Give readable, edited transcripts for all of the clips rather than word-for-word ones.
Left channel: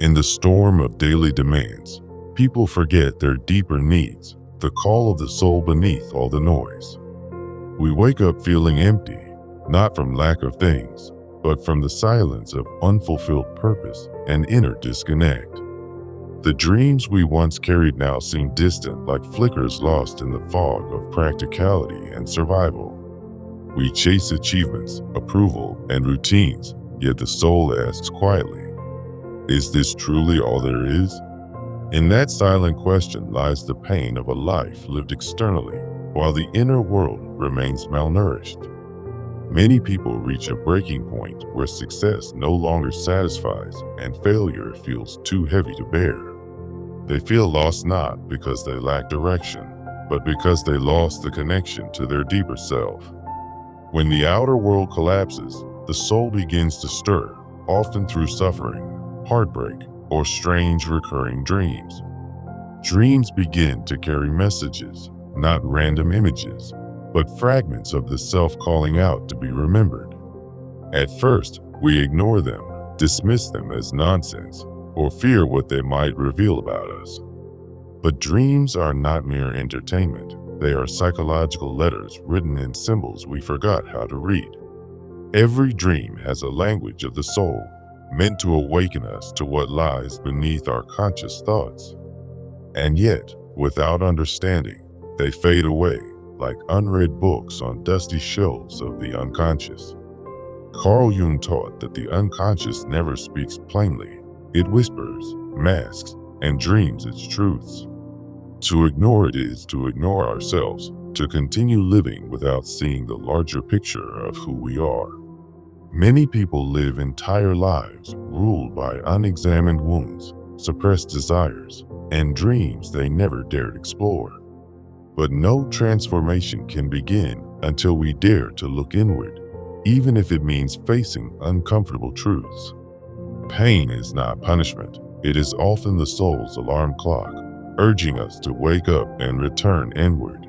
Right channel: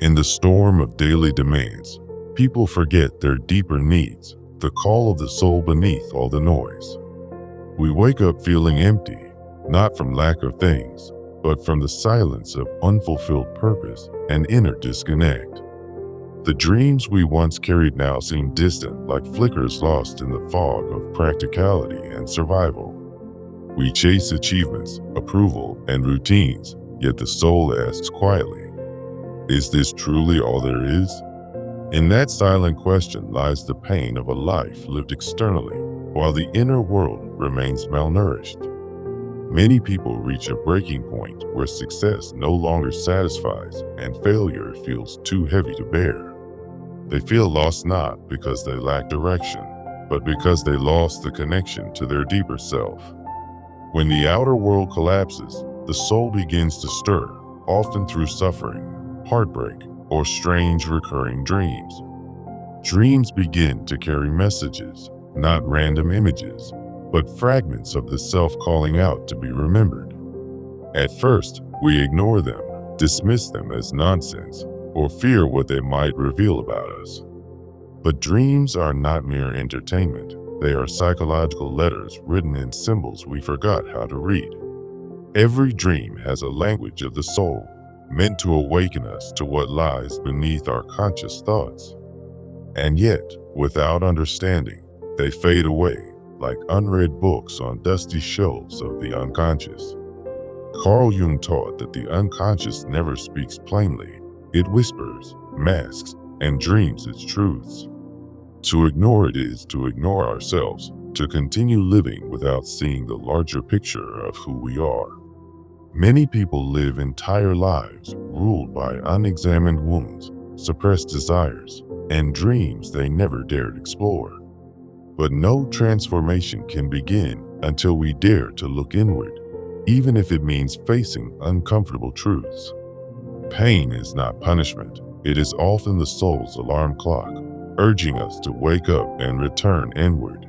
In the storm of daily demands, people forget their deeper needs, the call of the soul beneath all the noise. We wake up feeling empty, not from lack of things, but from the silence of unfulfilled purpose and inner disconnect. The dreams we once carried now seem distant, like flickers lost in the fog of practicality and survival. We chase achievements, approval, and routines, yet the soul asks quietly, is this truly all there is? In that silent question lies the pain of a life lived externally, while the inner world remains malnourished. Many people reach a breaking point where success no longer satisfies and failure feels too heavy to bear. They feel lost not because they lack direction, but because they lost the connection to their deeper self. When the outer world collapses, the soul begins to stir, often through suffering, heartbreak, or strange recurring dreams. Dreams begin to carry messages, not random images, but fragments of the self calling out to be remembered. At first, we ignore them, dismiss them as nonsense, or fear what they might reveal about us. But dreams are not mere entertainment. They are psychological letters written in symbols we forgot how to read. Every dream has a language of the soul, meant to awaken us to what lies beneath our conscious thoughts. And yet, without understanding, they fade away like unread books on dusty shelves of the unconscious. Carl Jung taught that the unconscious never speaks plainly. It whispers, masks, and dreams its truths. To ignore it is to ignore ourselves, to continue living without seeing the larger picture of who we are. Many people live entire lives ruled by unexamined wounds, suppressed desires, and dreams they never dared explore. But no transformation can begin until we dare to look inward, even if it means facing uncomfortable truths. Pain is not punishment. It is often the soul's alarm clock, urging us to wake up and return inward.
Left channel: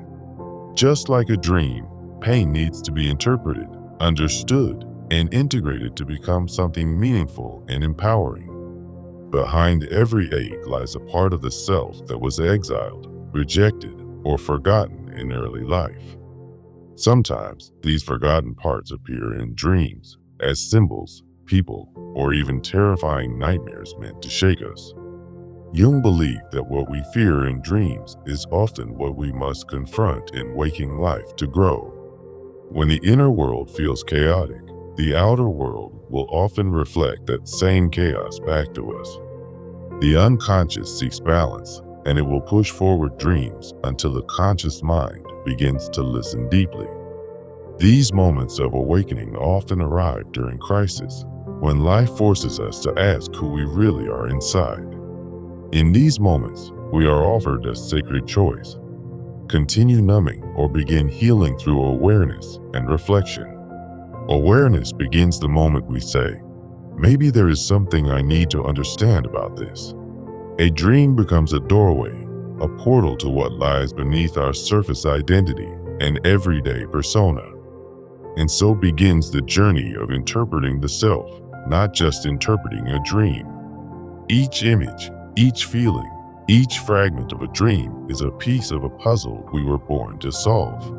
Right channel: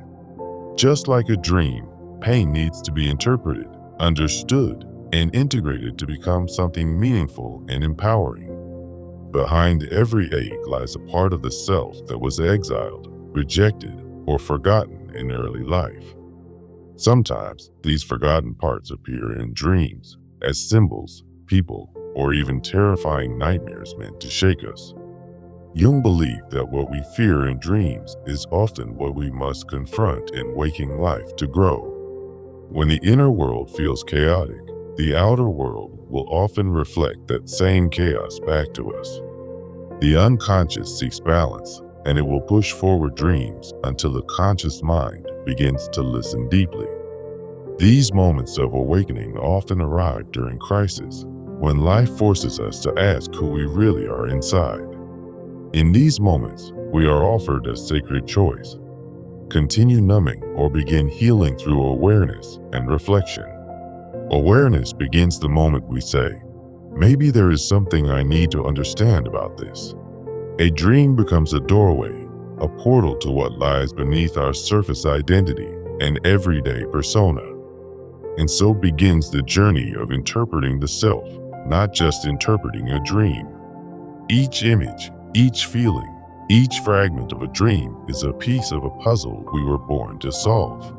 Just like a dream, pain needs to be interpreted, understood, and integrated to become something meaningful and empowering. Behind every ache lies a part of the self that was exiled, rejected, or forgotten in early life. Sometimes these forgotten parts appear in dreams as symbols, people, or even terrifying nightmares meant to shake us. Jung believed that what we fear in dreams is often what we must confront in waking life to grow. When the inner world feels chaotic, the outer world will often reflect that same chaos back to us. The unconscious seeks balance, and it will push forward dreams until the conscious mind begins to listen deeply. These moments of awakening often arrive during crisis, when life forces us to ask who we really are inside. In these moments, we are offered a sacred choice: continue numbing or begin healing through awareness and reflection. Awareness begins the moment we say, maybe there is something I need to understand about this. A dream becomes a doorway, a portal to what lies beneath our surface identity and everyday persona. And so begins the journey of interpreting the self, not just interpreting a dream. Each image, each feeling, each fragment of a dream is a piece of a puzzle we were born to solve.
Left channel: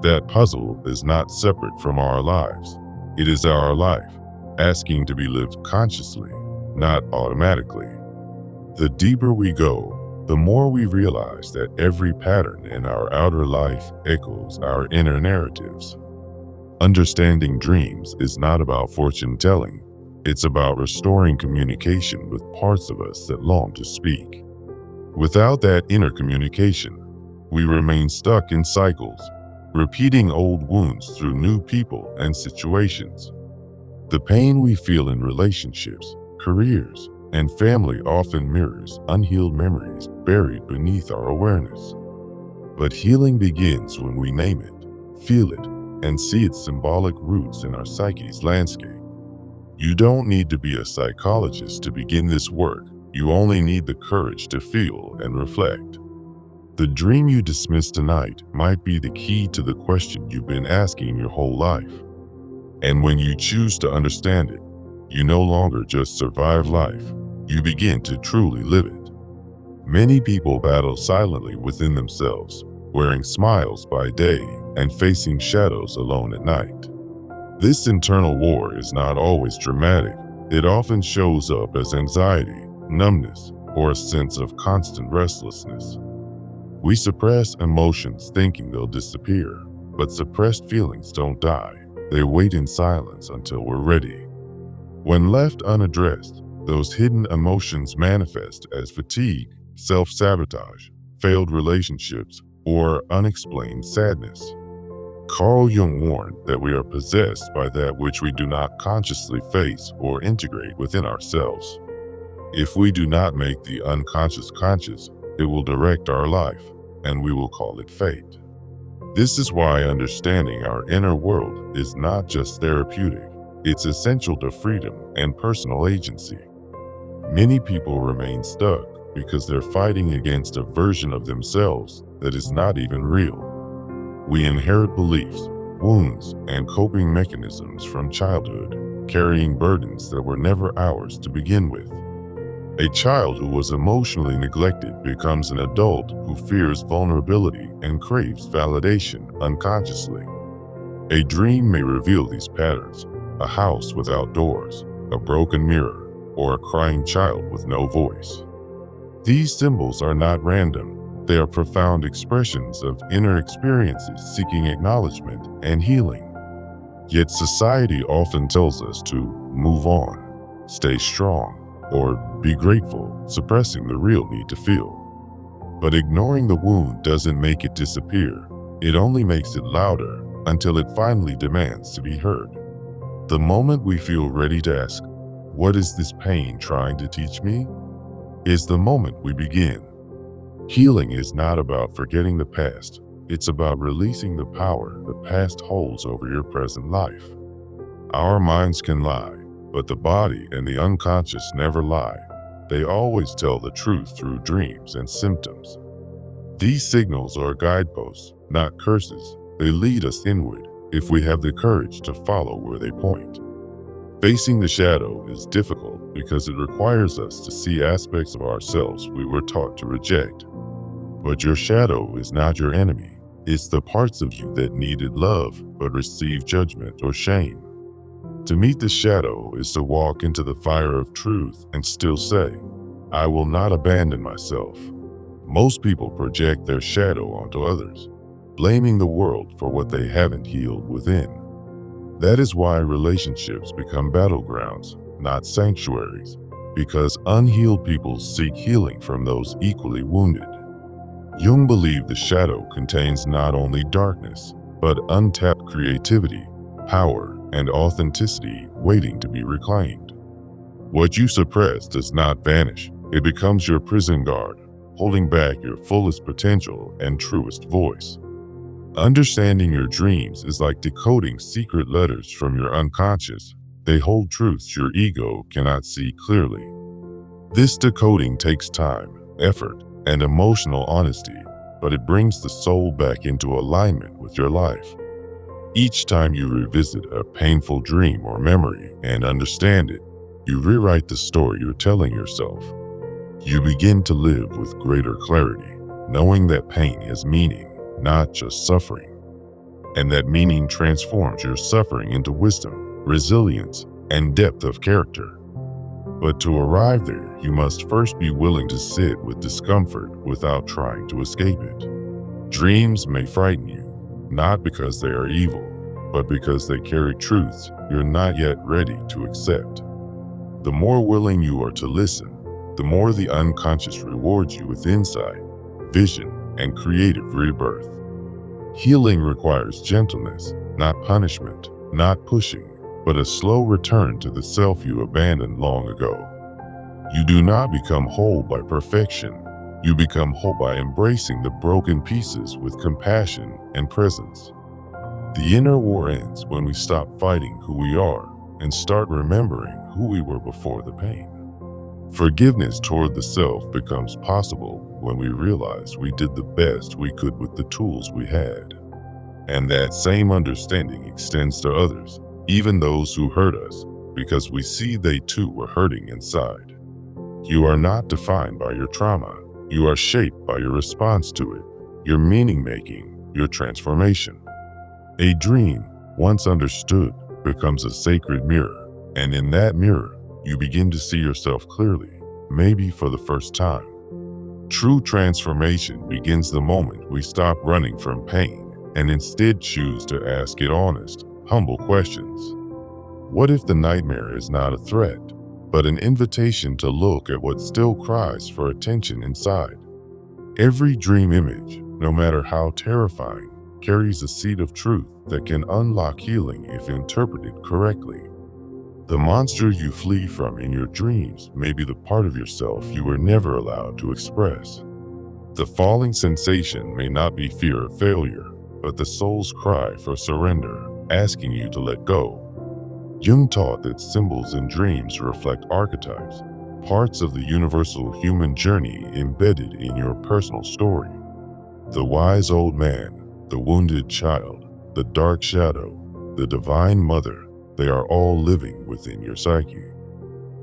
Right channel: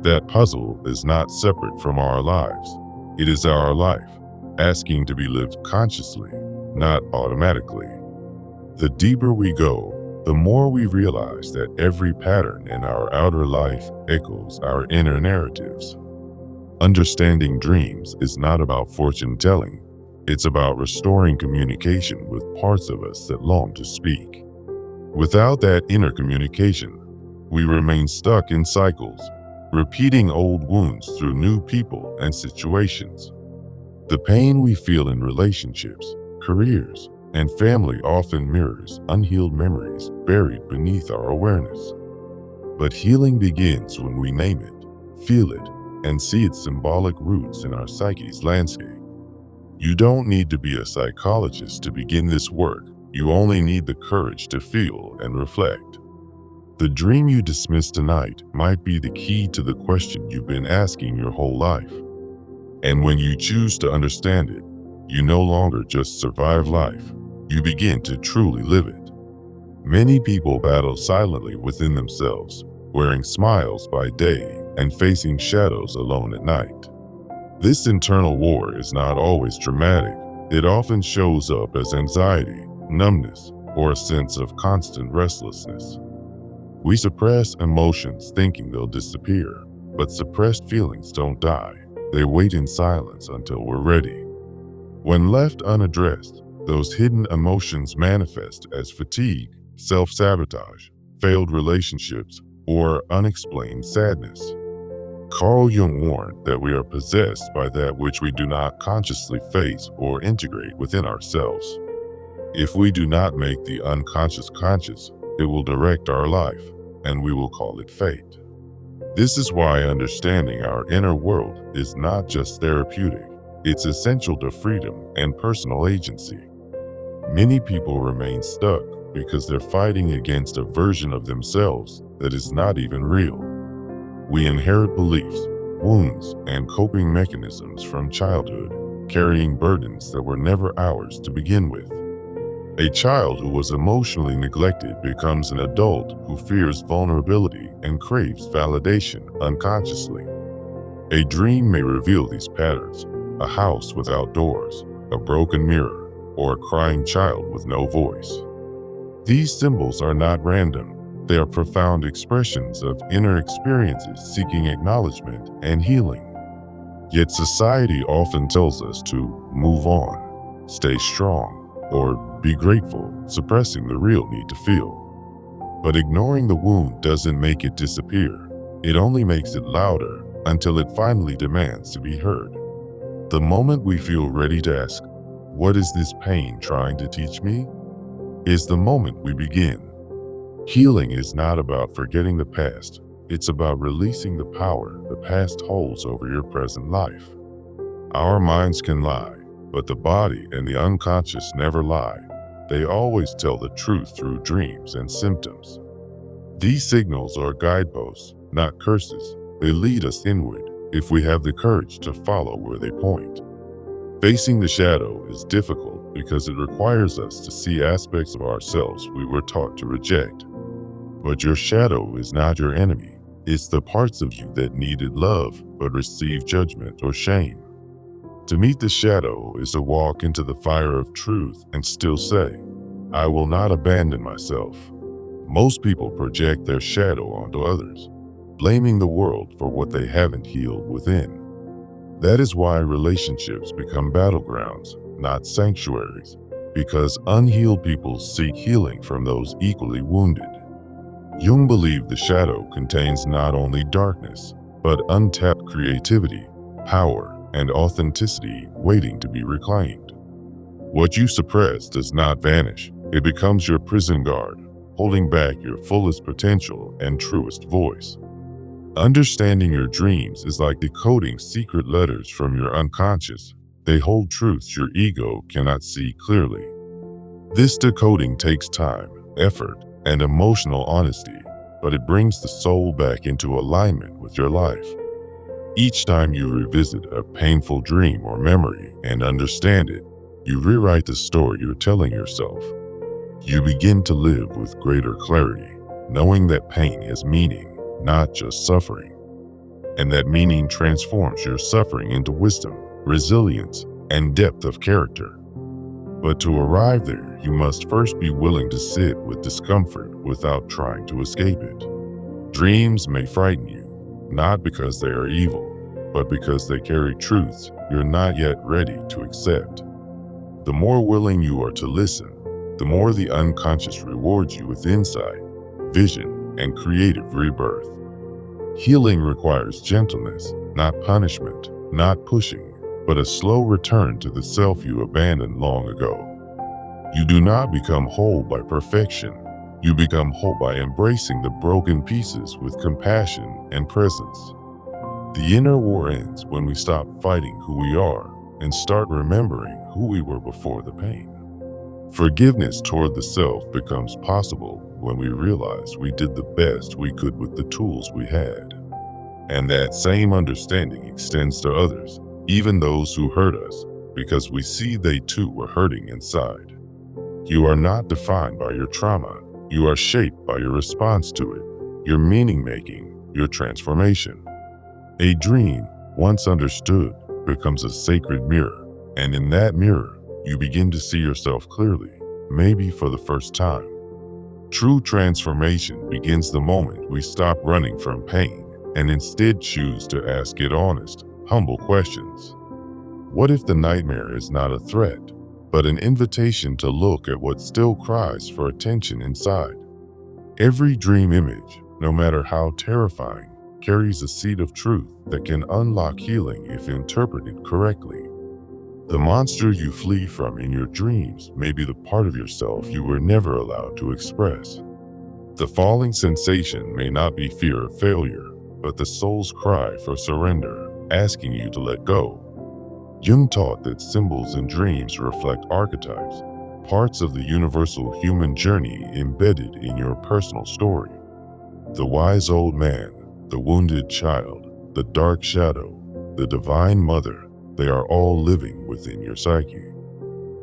That puzzle is not separate from our lives. It is our life, asking to be lived consciously, not automatically. The deeper we go, the more we realize that every pattern in our outer life echoes our inner narratives. Understanding dreams is not about fortune telling. It's about restoring communication with parts of us that long to speak. Without that inner communication, we remain stuck in cycles, repeating old wounds through new people and situations. The pain we feel in relationships, careers, and family often mirrors unhealed memories buried beneath our awareness. But healing begins when we name it, feel it, and see its symbolic roots in our psyche's landscape. You don't need to be a psychologist to begin this work. You only need the courage to feel and reflect. The dream you dismiss tonight might be the key to the question you've been asking your whole life. And when you choose to understand it, you no longer just survive life. you begin to truly live it. Many people battle silently within themselves, wearing smiles by day and facing shadows alone at night. This internal war is not always dramatic. It often shows up as anxiety, numbness, or a sense of constant restlessness. We suppress emotions thinking they'll disappear, but suppressed feelings don't die. They wait in silence until we're ready. When left unaddressed, those hidden emotions manifest as fatigue, self-sabotage, failed relationships, or unexplained sadness. Carl Jung warned that we are possessed by that which we do not consciously face or integrate within ourselves. If we do not make the unconscious conscious, it will direct our life, and we will call it fate. This is why understanding our inner world is not just therapeutic, it's essential to freedom and personal agency. Many people remain stuck because they're fighting against a version of themselves that is not even real. We inherit beliefs, wounds, and coping mechanisms from childhood, carrying burdens that were never ours to begin with. A child who was emotionally neglected becomes an adult who fears vulnerability and craves validation unconsciously. A dream may reveal these patterns: a house without doors, a broken mirror, or a crying child with no voice. These symbols are not random. They are profound expressions of inner experiences seeking acknowledgement and healing. Yet society often tells us to move on, stay strong, or be grateful, suppressing the real need to feel. But ignoring the wound doesn't make it disappear. It only makes it louder until it finally demands to be heard. The moment we feel ready to ask, "What is this pain trying to teach me?" is the moment we begin. Healing is not about forgetting the past. It's about releasing the power the past holds over your present life. Our minds can lie, but the body and the unconscious never lie. They always tell the truth through dreams and symptoms. These signals are guideposts, not curses. They lead us inward if we have the courage to follow where they point. Facing the shadow is difficult because it requires us to see aspects of ourselves we were taught to reject. But your shadow is not your enemy. It's the parts of you that needed love but received judgment or shame. To meet the shadow is to walk into the fire of truth and still say, "I will not abandon myself." Most people project their shadow onto others, blaming the world for what they haven't healed within. That is why relationships become battlegrounds, not sanctuaries, because unhealed people seek healing from those equally wounded. Jung believed the shadow contains not only darkness, but untapped creativity, power, and authenticity waiting to be reclaimed. What you suppress does not vanish. It becomes your prison guard, holding back your fullest potential and truest voice. Understanding your dreams is like decoding secret letters from your unconscious. They hold truths your ego cannot see clearly. This decoding takes time, effort, and emotional honesty, but it brings the soul back into alignment with your life. Each time you revisit a painful dream or memory and understand it, you rewrite the story you're telling yourself. You begin to live with greater clarity, knowing that pain has meaning, not just suffering, and that meaning transforms your suffering into wisdom, resilience, and depth of character. But to arrive there, you must first be willing to sit with discomfort without trying to escape it. Dreams may frighten you, not because they are evil, but because they carry truths you're not yet ready to accept. The more willing you are to listen, the more the unconscious rewards you with insight, vision, and creative rebirth. Healing requires gentleness, not punishment, not pushing, but a slow return to the self you abandoned long ago. You do not become whole by perfection. You become whole by embracing the broken pieces with compassion and presence. The inner war ends when we stop fighting who we are and start remembering who we were before the pain. Forgiveness toward the self becomes possible when we realize we did the best we could with the tools we had. And that same understanding extends to others, even those who hurt us, because we see they too were hurting inside. You are not defined by your trauma. You are shaped by your response to it, your meaning making, your transformation. A dream, once understood, becomes a sacred mirror, and in that mirror, you begin to see yourself clearly, maybe for the first time. True transformation begins the moment we stop running from pain and instead choose to ask it honest, humble questions. What if the nightmare is not a threat, but an invitation to look at what still cries for attention inside? Every dream image, no matter how terrifying, carries a seed of truth that can unlock healing if interpreted correctly. The monster you flee from in your dreams may be the part of yourself you were never allowed to express. The falling sensation may not be fear of failure, but the soul's cry for surrender, asking you to let go. Jung taught that symbols in dreams reflect archetypes, parts of the universal human journey embedded in your personal story. The wise old man, the wounded child, the dark shadow, the divine mother, they are all living within your psyche.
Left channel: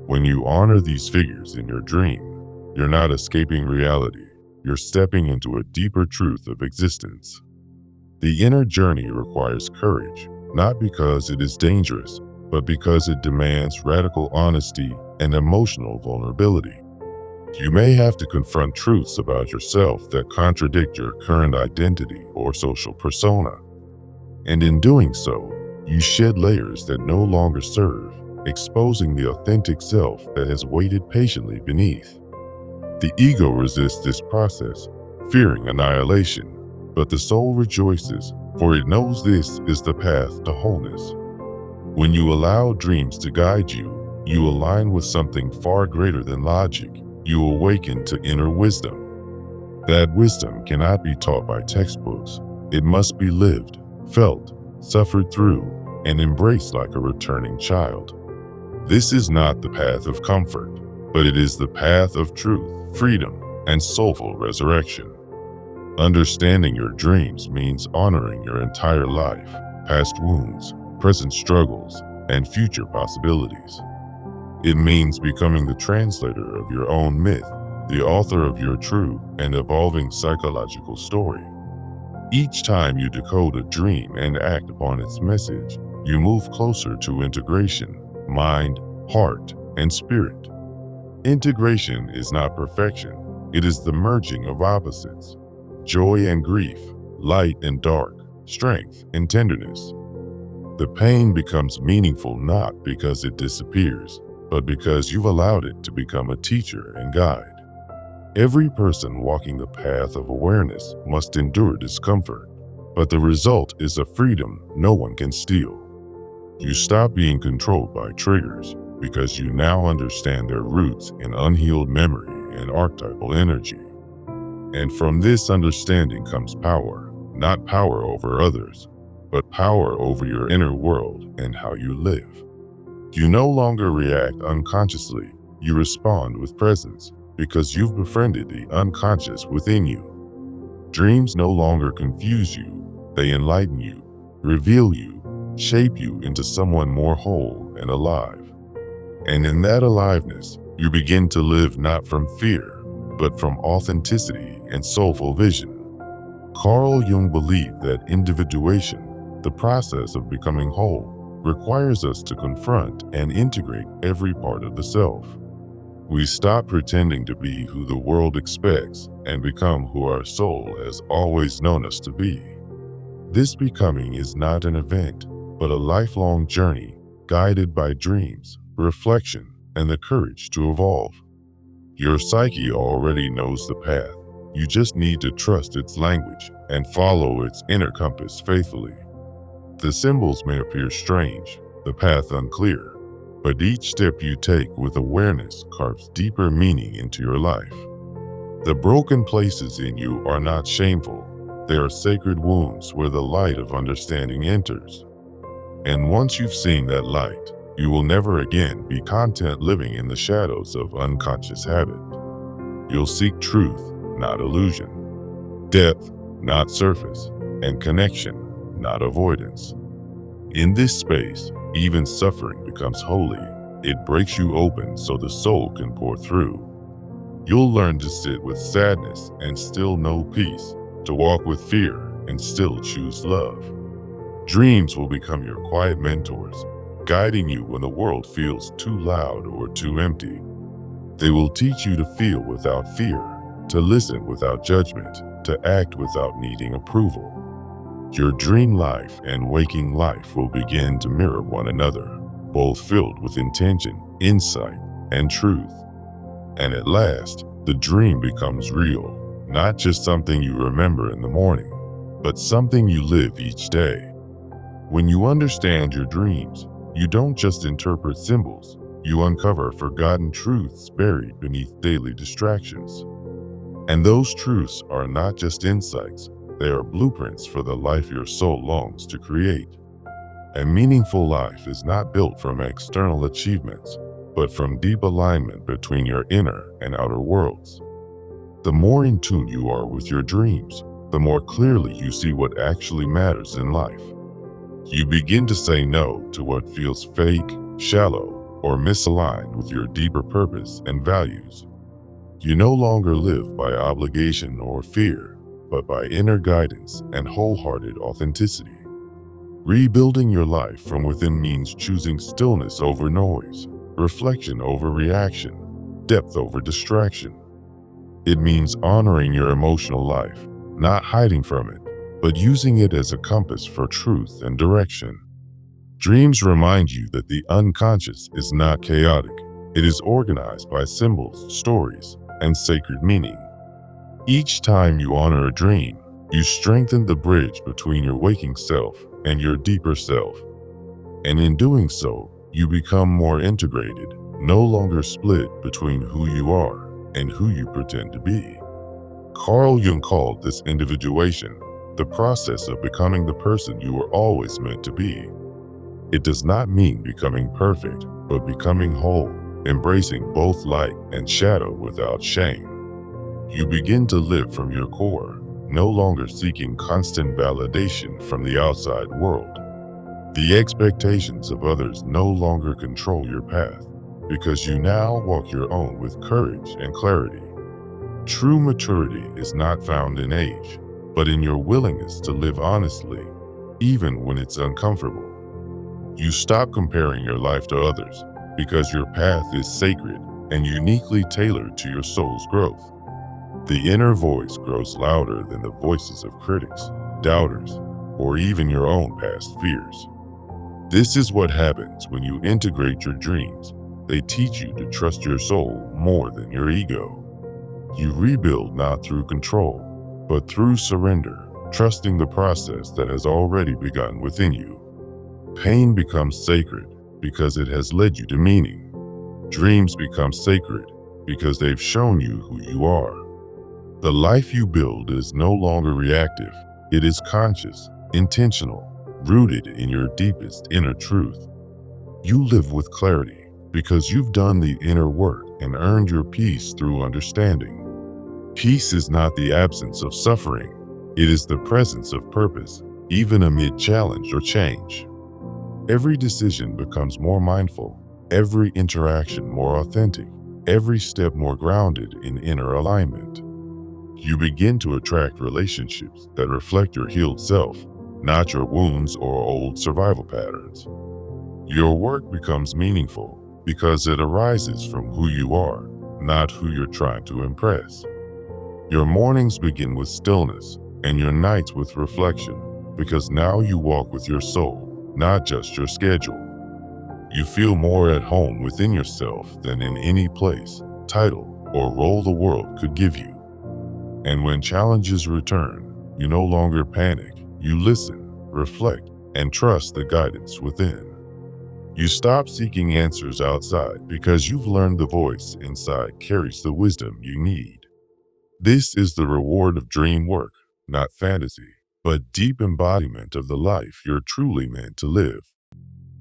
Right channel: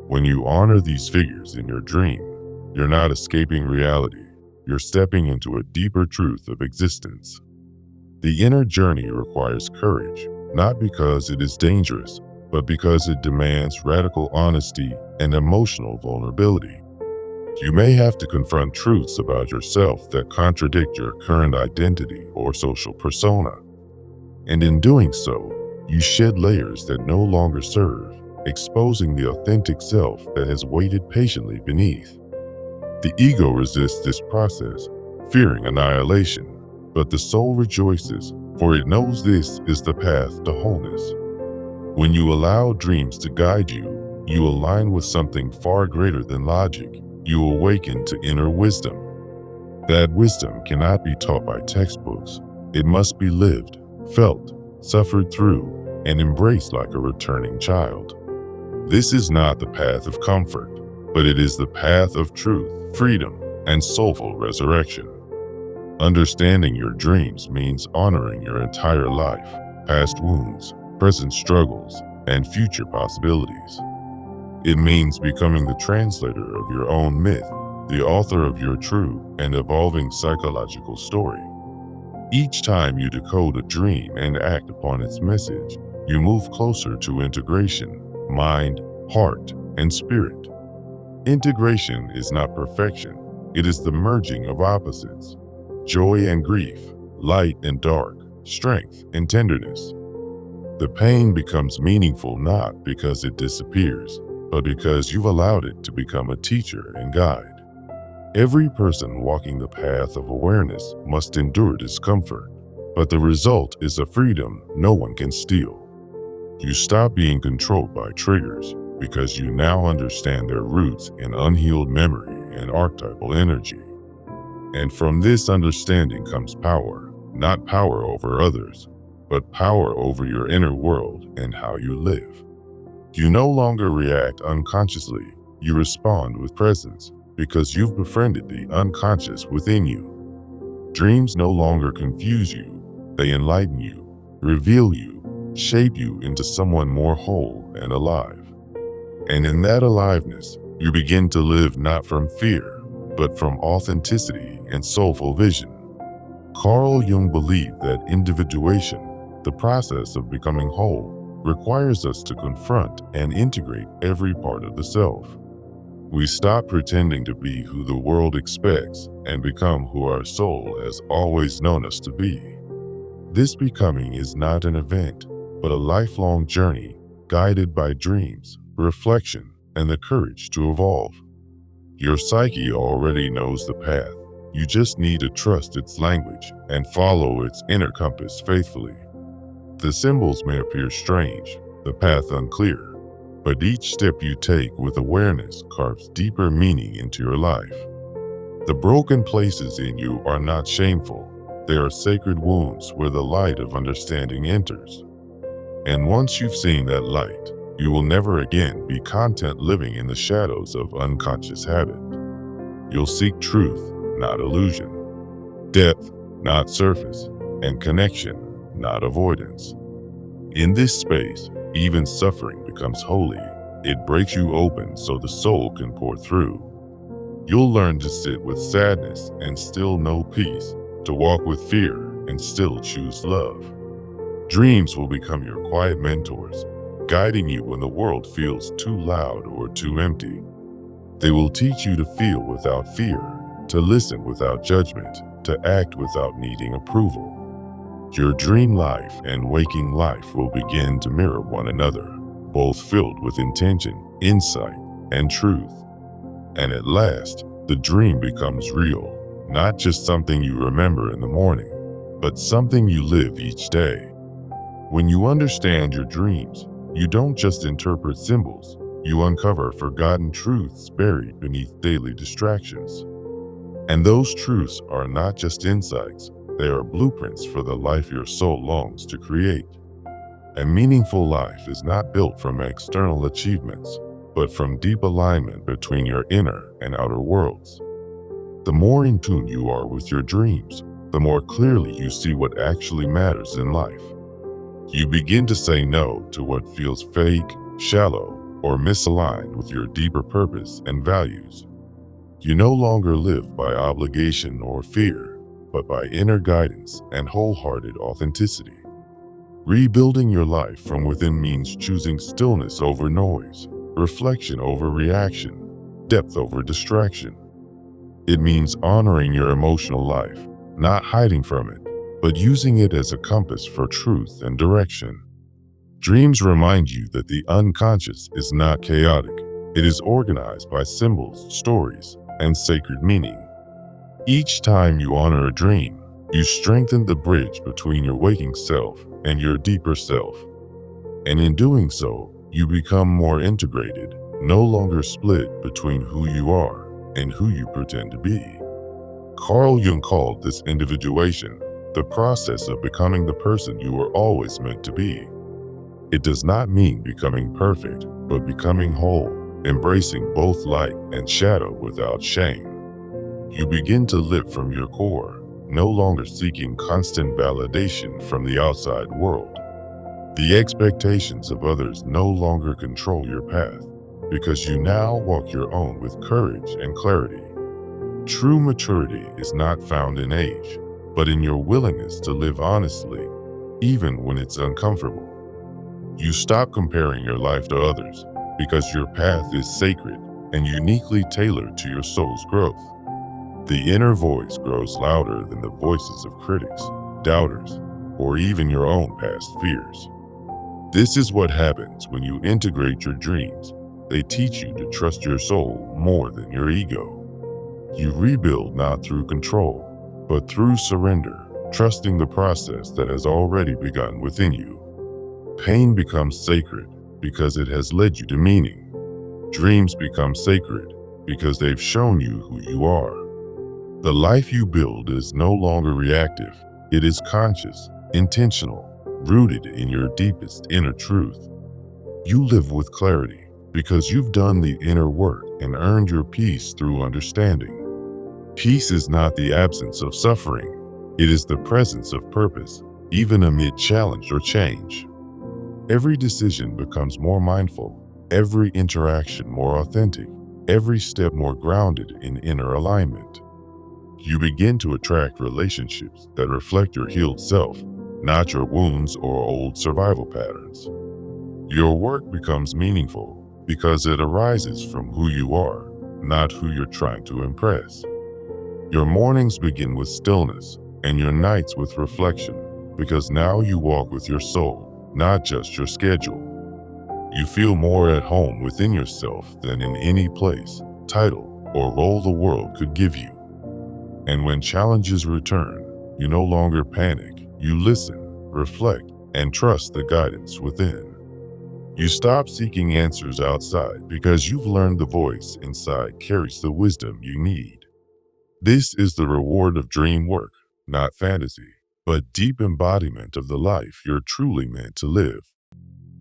When you honor these figures in your dream, you're not escaping reality. You're stepping into a deeper truth of existence. The inner journey requires courage, not because it is dangerous, but because it demands radical honesty and emotional vulnerability. You may have to confront truths about yourself that contradict your current identity or social persona. And in doing so, you shed layers that no longer serve, exposing the authentic self that has waited patiently beneath. The ego resists this process, fearing annihilation, but the soul rejoices, for it knows this is the path to wholeness. When you allow dreams to guide you, you align with something far greater than logic. You awaken to inner wisdom. That wisdom cannot be taught by textbooks. It must be lived, felt, suffered through, and embraced like a returning child. This is not the path of comfort, but it is the path of truth, freedom, and soulful resurrection. Understanding your dreams means honoring your entire life, past wounds, present struggles, and future possibilities. It means becoming the translator of your own myth, the author of your true and evolving psychological story. Each time you decode a dream and act upon its message, you move closer to integration, mind, heart, and spirit. Integration is not perfection, it is the merging of opposites, joy and grief, light and dark, strength and tenderness. The pain becomes meaningful not because it disappears, but because you've allowed it to become a teacher and guide. Every person walking the path of awareness must endure discomfort, but the result is a freedom no one can steal. You stop being controlled by triggers because you now understand their roots in unhealed memory and archetypal energy. And from this understanding comes power, not power over others, but power over your inner world and how you live. You no longer react unconsciously, you respond with presence, because you've befriended the unconscious within you. Dreams no longer confuse you, they enlighten you, reveal you, shape you into someone more whole and alive. And in that aliveness, you begin to live not from fear, but from authenticity and soulful vision. Carl Jung believed that individuation, the process of becoming whole, requires us to confront and integrate every part of the self. We stop pretending to be who the world expects and become who our soul has always known us to be. This becoming is not an event, but a lifelong journey guided by dreams, reflection, and the courage to evolve. Your psyche already knows the path. You just need to trust its language and follow its inner compass faithfully. The symbols may appear strange, the path unclear, but each step you take with awareness carves deeper meaning into your life. The broken places in you are not shameful. They are sacred wounds where the light of understanding enters. And once you've seen that light, you will never again be content living in the shadows of unconscious habit. You'll seek truth, not illusion, depth, not surface, and connection, not avoidance. In this space, even suffering becomes holy. It breaks you open so the soul can pour through. You'll learn to sit with sadness and still know peace, to walk with fear and still choose love. Dreams will become your quiet mentors, guiding you when the world feels too loud or too empty. They will teach you to feel without fear, to listen without judgment, to act without needing approval. Your dream life and waking life will begin to mirror one another, both filled with intention, insight, and truth. And at last, the dream becomes real, not just something you remember in the morning, but something you live each day. When you understand your dreams, you don't just interpret symbols, you uncover forgotten truths buried beneath daily distractions. And those truths are not just insights, they are blueprints for the life your soul longs to create. A meaningful life is not built from external achievements, but from deep alignment between your inner and outer worlds. The more in tune you are with your dreams, the more clearly you see what actually matters in life. You begin to say no to what feels fake, shallow, or misaligned with your deeper purpose and values. You no longer live by obligation or fear, but by inner guidance and wholehearted authenticity. Rebuilding your life from within means choosing stillness over noise, reflection over reaction, depth over distraction. It means honoring your emotional life, not hiding from it, but using it as a compass for truth and direction. Dreams remind you that the unconscious is not chaotic. It is organized by symbols, stories, and sacred meaning. Each time you honor a dream, you strengthen the bridge between your waking self and your deeper self. And in doing so, you become more integrated, no longer split between who you are and who you pretend to be. Carl Jung called this individuation the process of becoming the person you were always meant to be. It does not mean becoming perfect, but becoming whole, embracing both light and shadow without shame. You begin to live from your core, no longer seeking constant validation from the outside world. The expectations of others no longer control your path, because you now walk your own with courage and clarity. True maturity is not found in age, but in your willingness to live honestly, even when it's uncomfortable. You stop comparing your life to others, because your path is sacred and uniquely tailored to your soul's growth. The inner voice grows louder than the voices of critics, doubters, or even your own past fears. This is what happens when you integrate your dreams. They teach you to trust your soul more than your ego. You rebuild not through control, but through surrender, trusting the process that has already begun within you. Pain becomes sacred because it has led you to meaning. Dreams become sacred because they've shown you who you are. The life you build is no longer reactive. It is conscious, intentional, rooted in your deepest inner truth. You live with clarity because you've done the inner work and earned your peace through understanding. Peace is not the absence of suffering. It is the presence of purpose, even amid challenge or change. Every decision becomes more mindful, every interaction more authentic, every step more grounded in inner alignment. You begin to attract relationships that reflect your healed self, not your wounds or old survival patterns. Your work becomes meaningful because it arises from who you are, not who you're trying to impress. Your mornings begin with stillness and your nights with reflection, because now you walk with your soul, not just your schedule. You feel more at home within yourself than in any place, title, or role the world could give you. And when challenges return, you no longer panic. You listen, reflect, and trust the guidance within. You stop seeking answers outside because you've learned the voice inside carries the wisdom you need. This is the reward of dream work, not fantasy, but deep embodiment of the life you're truly meant to live.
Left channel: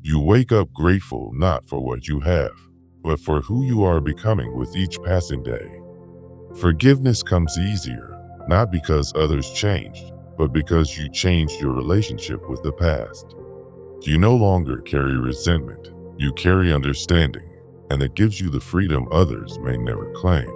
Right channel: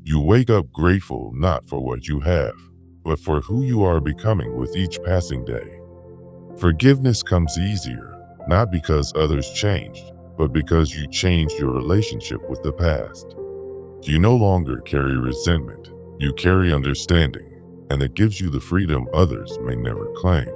You wake up grateful not for what you have, but for who you are becoming with each passing day. Forgiveness comes easier, not because others changed, but because you changed your relationship with the past. You no longer carry resentment, you carry understanding, and it gives you the freedom others may never claim.